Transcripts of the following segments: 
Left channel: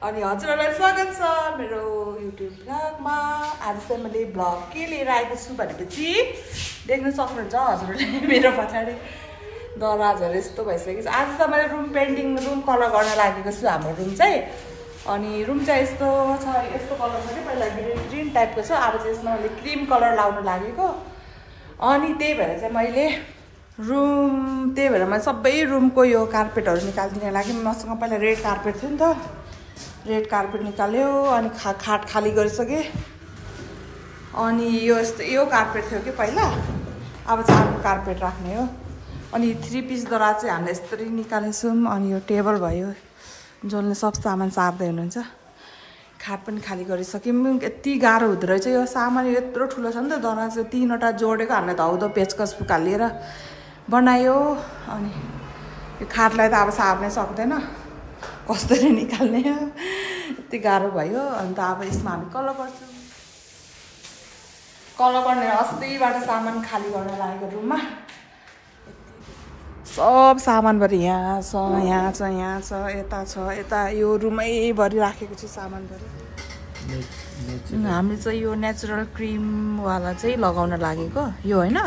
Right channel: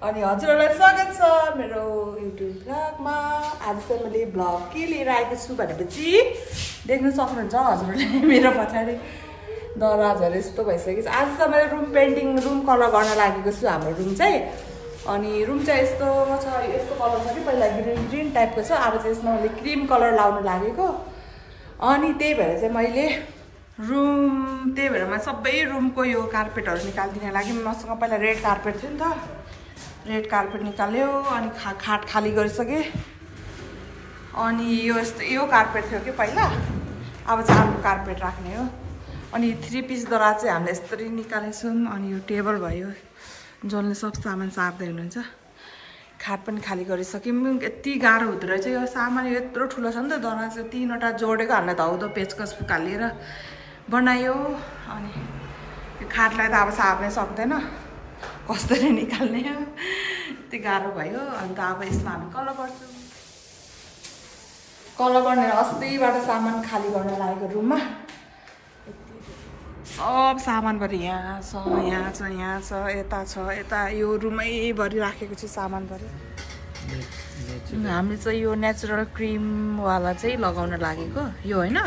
अनि हजुरहरूलाई स्वागत छ मेरो युट्युब भ्लगमा। आज चाहिँ मैले भ्लग के लिएर आएको छु भनेपछि देख्न सक्नुहुन्छ हजुरहरूले मेरो पछाडि दरवाजहरू यस्तो भइसकेको छ। आज त मैले रुम पेन्टिङ रुम कलर गर्न लागेको छु हाम्रो रुम चाहिँ। अनि रुम चाहिँ यस्तो छ, यस्तो कलर छ कि पहिला ग्रिन टाइपको छ, अब चाहिँ यसमा मैले क्रिम कलर लाउन लागेको। अनि त्यही भएर चाहिँ मैले मैले सबै रुमको यो कार्पेटहरू निकालिदिन लागि मसँग पहिला रेड कार्पेट थियो नि त, रेड कार्पेट निकाल्यो अनि खाट खाली गरिसकेँ। अनि यो कार्पेट थियो कि पहिला, अब चाहिँ अर्को कार्पेट राख्ने हो। अनि 3 पिस दराज चाहिँ हामीले यसरी निकालेछौँ। अनि यो टेबल भयो, जसले सब सामान सार्दै हुनुहुन्छ। खाट पनि खाली गरिसक्यौँ। यति गाह्रो हुँदो रहेछ यो सामान, यत्रो ठुलो छ नि त दराज चाहिँ। 3वटा जोडेको हामीले धाउदो पेचकस फुकालिएर बनायो। अनि यो खाटलाई त अब सार्नै सक्दैन, कसरी निकाल्ने, यति गाह्रो भयो। अन्त अब यसमा हामी कलर गर्छौँ। कलर गर्ने अस्तिबाट सामान खाली गर्न लागेको रुममा। सब सामानभरि यहाँ छ, यहाँ छ, यहाँ छ, यता छ, यता यो रुमैभरि राखेको छु सामानभरि। हामी चाहिँ यो नेचुरल क्रिमवाला चाहिँ लगाउन लागेको यो होइन,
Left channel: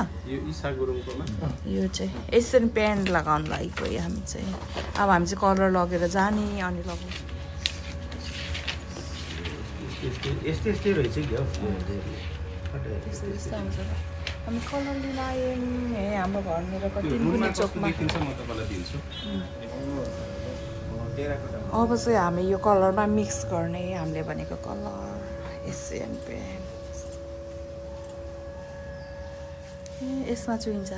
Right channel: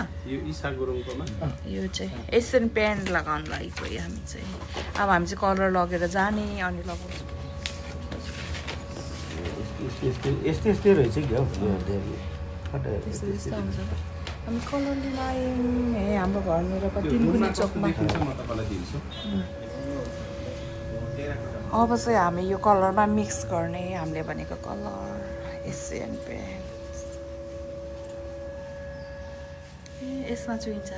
यो चाहिँ एसियन पेन्ट लगाउन लागेको यो हामी चाहिँ। अब हामी चाहिँ कलर लगेर जाने अनि लगाउँछ। हामी कलर लिन आयौँ। ए हाम्रो घरनिर तिनकुने चोकमा। अब चाहिँ हामी यो कलरमा मिक्स गर्ने, हामीले भनेको कलर एसियन पेन्ट। यसमा चुइन्छ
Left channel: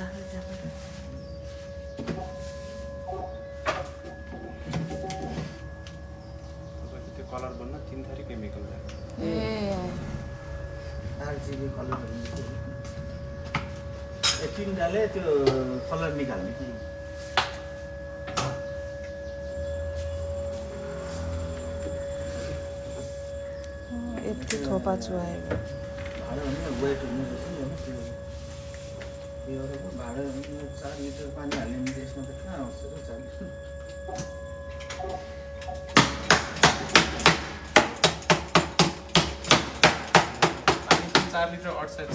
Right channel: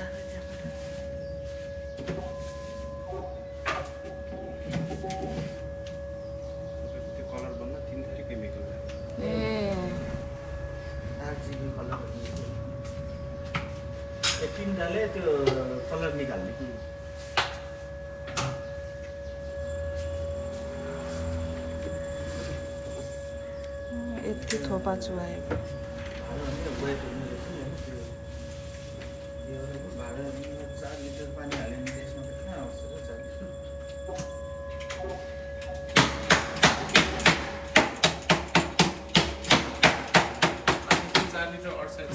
डाले त्यो कलर निकाल्ने कि यति थोपा चुहायो। भाडा 4 लिटर पानी हाल्यो भने त्यसमा त कहाँ आउँछ र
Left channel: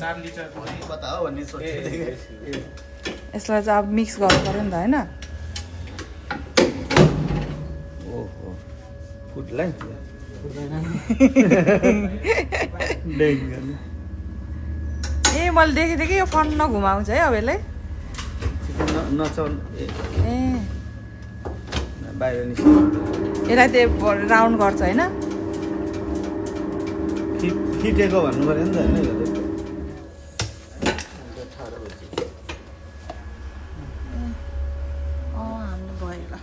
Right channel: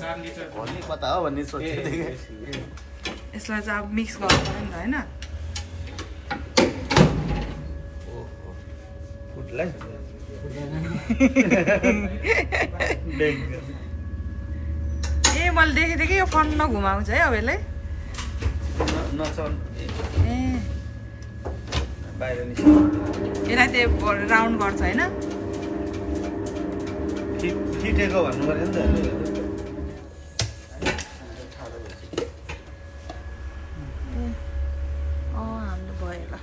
4 लिटर भन्ने कता हो भन्ने सोचेको थिएँ। यसलाई चाहिँ अब मिक्स गर्नु पर्यो नि त होइन। ए मैले देखेको थिएँ कि यो फन नघुमाउँछ है अब यसलाई। ए यसलाई त्यो राउन्ड गर्छ होइन। ठिटेको भन्नु पर्यो नि त। हाम्रो भयो ल।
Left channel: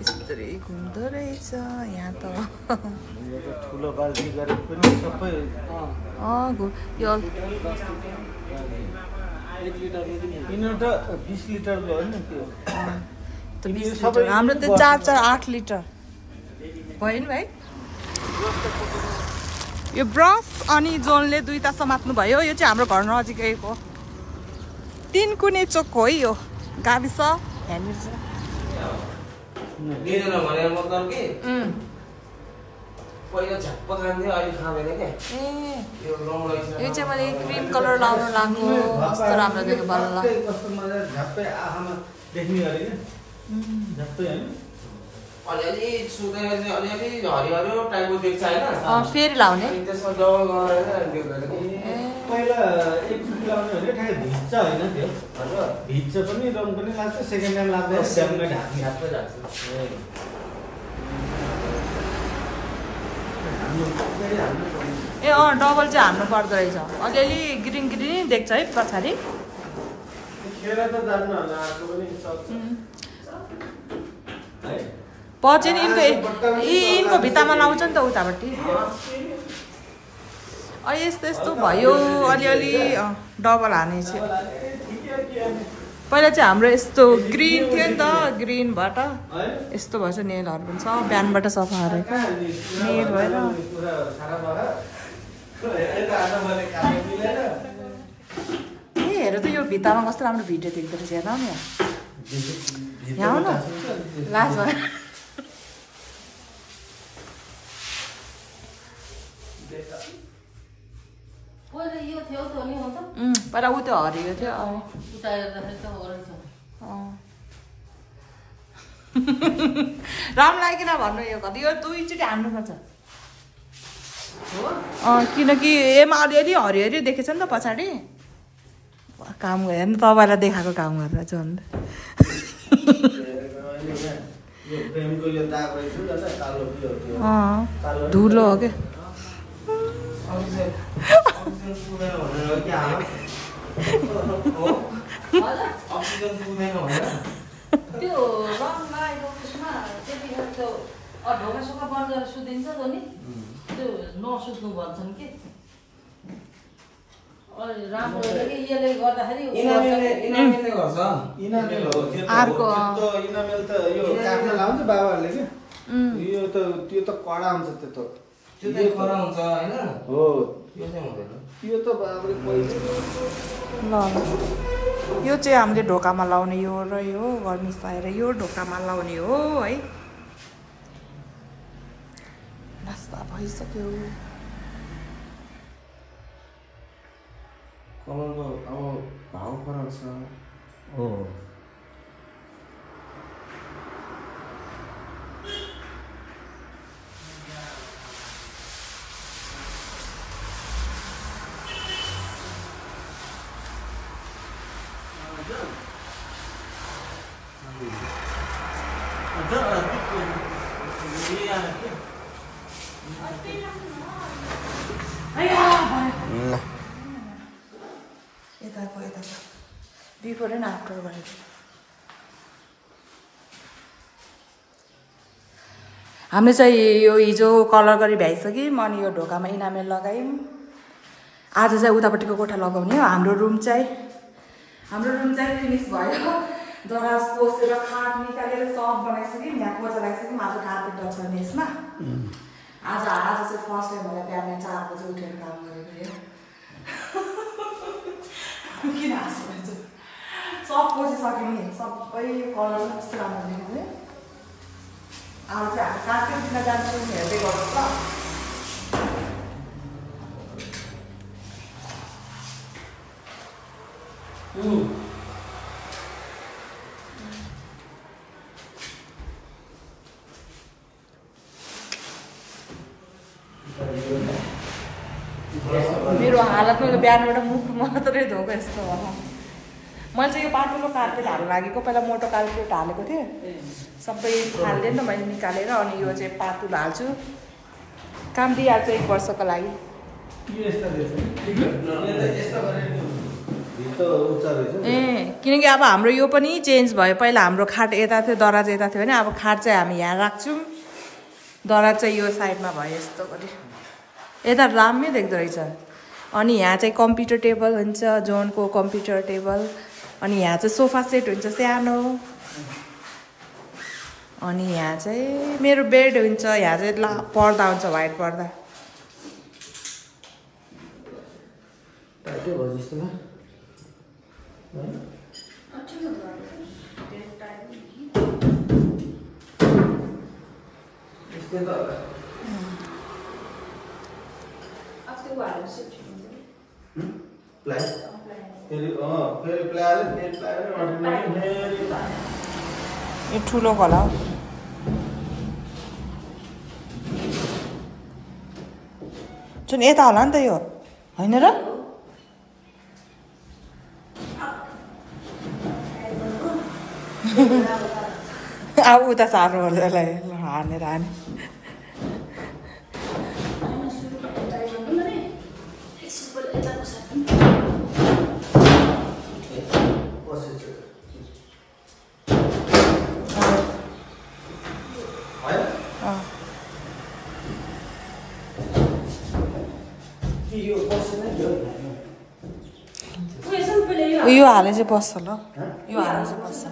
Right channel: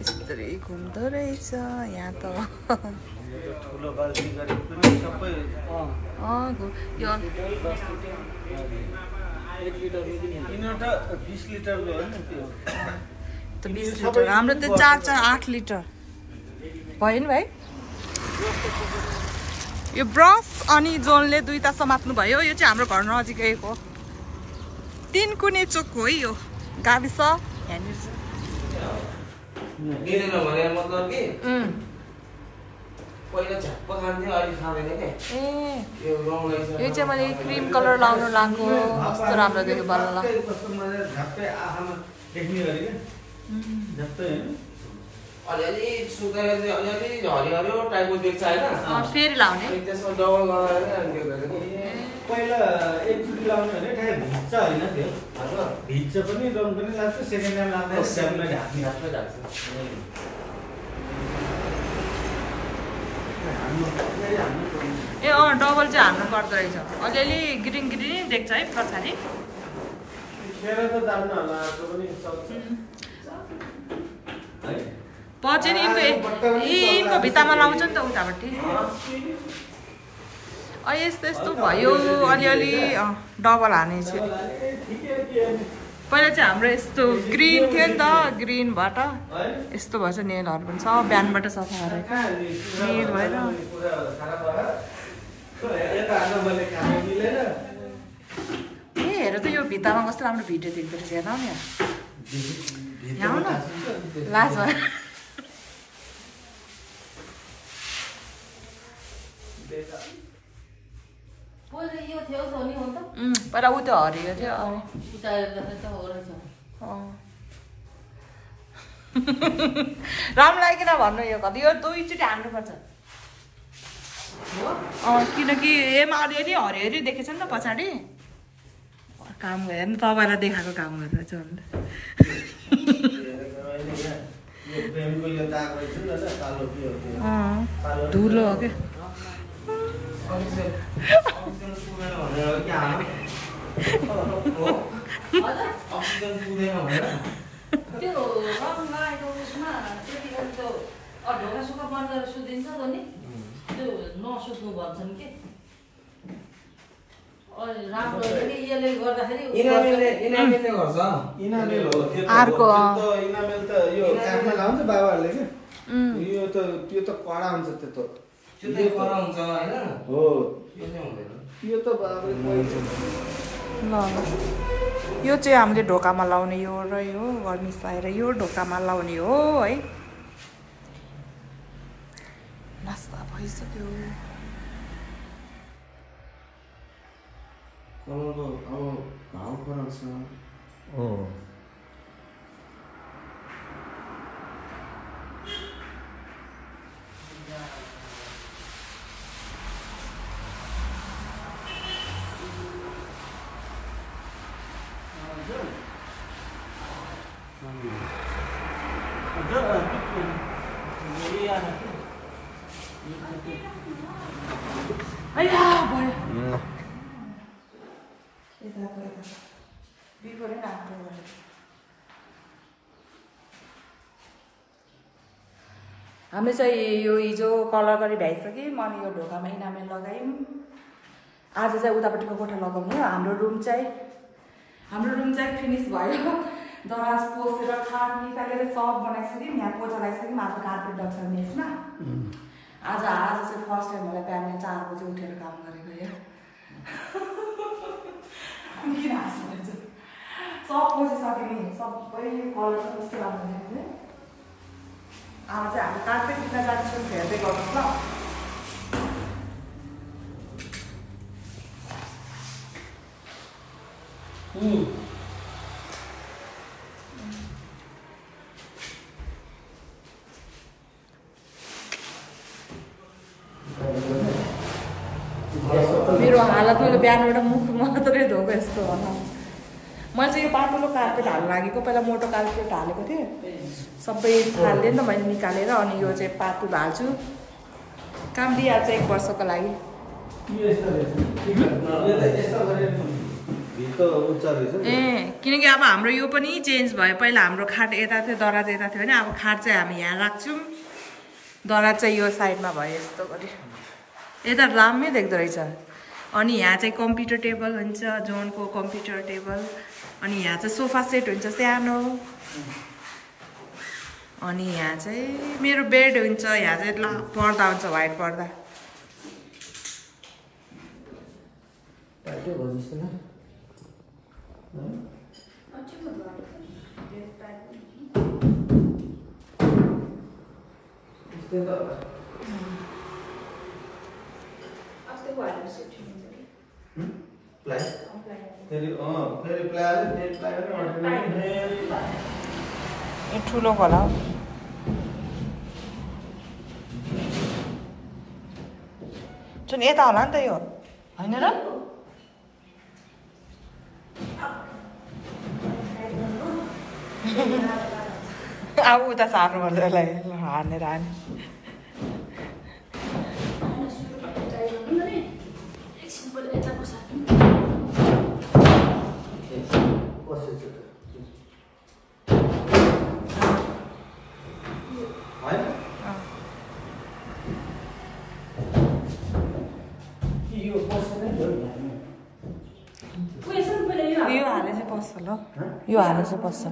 यस्तै घुम्दो रहेछ यहाँ त। ठुलो बाल्टी गरेको पनि सबै यो 1 लिटर त 20 लिटर हो नि त्यो। हाम्रो त 4 8 लिटर भयो नि भाइ। यो ब्रस अनि जोनले 2टा समात्नु भयो। यो चाहिँ हाम्रो घर नजिकैको 3 कुने चोक हो है यो गाविस। यहाँनिर छ यो चाहिँ मैले क्रिम कलर लाउन लाग्यो। कस्तो राम्रो देख्यो बल्ल। अलिअलि सुकेर चाहिँ अलिअलि हरियो टाइपको देख्छ होइन। फेरि लाउने त्यसमा डबल गरेर पहिला एकचोटि लाउने भने ठ्याक्कै भिज्छ होइन, त्यो भिज्छ पनि रङ पनि लाग्छ। सेकेन्ड टाइम लाग्दा ढाक्दै जान्छ। ए डबल चाहिँ हाल्नु पर्दो रहेछ। अलिअलि ग्रिन ग्रिन देख्छ है पछाडि। पछि यिनको भित्तामा लाउँछ नि त उतापट्टि। यस्तो यस्तो भयो अलिअलि डबल हाने चाहिँ। पहिला चाहिँ हाम्रो यस्तो ग्रिन थियो नि त, ग्रिनबाट यस्तो भएछ। नेलहरू पनि सब बिहानबाट सफा गरेको नेल भएर। ए हेर त त यो भित्तामा कस्तो राम्रो भिडियो देख्दो रहेछ हेर्न नि यहाँ आऊ न लाज भयो पहिला उ त्यो हरियो थियो राम्रो लाग्यो किन भन्नु यो कति यो दुईचोटि हान्नुपर्छ किनकि एमा अलिअलि हरियो हरियो देखेछ नि त पछाडि काम हेर्नु तपाईँलाई देखाएको काम गरेर चाहिँ धुलो हो क्या ढोका सुक्खा बन्द गरेर सुतिन्छ नि त्यो नसुत्नु भन्छन् कि राम्रो यसले गर्दाखेरि अर्को इनामेल त यो काट्न लाउँछ बाबाहरूले क्या यो त त्यो त कडा हुन्छ त्यो त कडा हुन्छ हैन हो यो चाहिँ हुँदैन त्यो त बाबाले पहिले ल यो चाहिँ हामीले ढोकामा लाउने यो र यो गर्मिसाएर यो ढोकामा लाउने हो है नास्ता भइसक्यो कलरको अब भाउ फरक छ हो बिफोर एन्ड आफ्टर भयो हामीले चाहिँ यो हिजो कलर गरी भ्याइसक्यौँ अनि यो ढोकामा इनामेल लगायौँ आज चाहिँ उतापट्टिको कोठा लगाउने हो हाम्रो रुम चाहिँ फिनिस भयो दराज पोसेर खाट निकालेर सब बनाइसक्यौँ यहाँ पोचा लगाइसक्यौँ आज कार्पेट डल्छ यसमा आज चाहिँ फर्स्ट टाइम होला बिहान 4 बजी उठेर काम गरेको यो किन हाँस्नुहुन्छ सब पोसिसक्यो नि सबै कलर कस्तो राम्रो देख्यो आज चाहिँ हामी कार्पेट किन जान्छौँ हेर्दै गर्नुपर्छ मेरो हालत मैले बिहानबाट मुख मात्रै धोको यस्तो भनौँ मैले चाहिँ यो पातलो कार्पेट हाल्नु लागेको पहिला मोटो कार्पेट हालेको थिएँ सबै हाल्दै नि त मैले निकालेर अनि यो चाहिँ पातलो हाल्छु काम दिइहाल्छ 1 वर्षको लागि ए किनकि अब हाम्रो यो पनि चेन्ज भयो पहिला हाम्रो खाट यता थियो दराज यता थियो भने अब खाट चाहिँ हामी यहाँ राख्छौँ दराज चाहिँ यो साइडमा भयो यस्तो गरी यता राम्रै देख्दो रहेछ अनि यहाँ चाहिँ कम्प्युटर टेबल हुन्छ जोनको कम्प्युटर टेबल अनि यहाँ चाहिँ सोफा सेट हुन्छ सानो अनि यहाँ चाहिँ मेरो बेड हुन्छ यहाँ चाहिँ पर्दा हुन्छ व्हाइट पर्दा ठुलो होला हौ जुन यता होला नि त यो होइन र अब उता सार्नु पर्छ हानेर हाने यो हाले चाहिँ बस्छ ल यो हाले चाहिँ बस्छ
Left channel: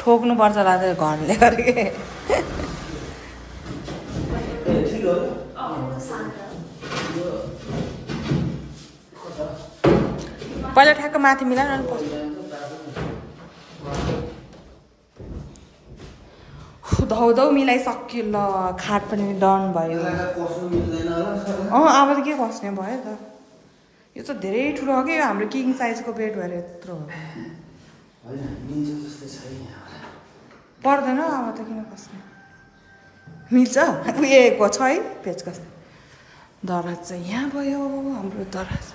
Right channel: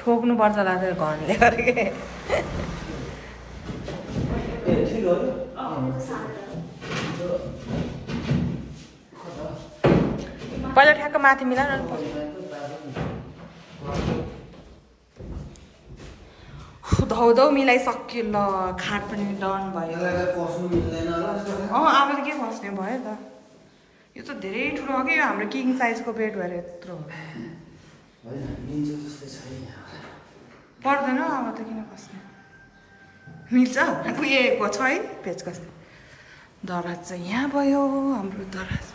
ठोक्नु पर्छ होला त्यो घरले गरेको पहिला ठ्याक्क माथि मिलाएर अनि पछि धौधौ मिलाइसक्यो ल खाट पनि डन भयो यसलाई पस्नु मिल्दैन होला अब त के बस्ने भयो त यो त धेरै ठुलो हो कि हाम्रो किङ साइजको बेड भएर यत्रो हो होइन मिल्छ जस्तो छैन पर्दैन अब त किन बस्ने मिल्छ उयो छ है पेचकस दराज चाहिँ यहाँ भयो हाम्रो दराज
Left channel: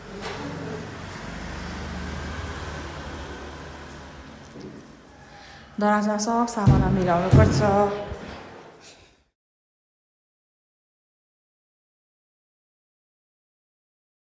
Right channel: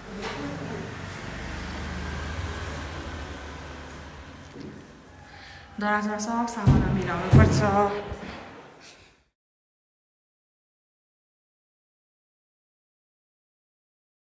दराजमा सब सामान मिलाउनु पर्छ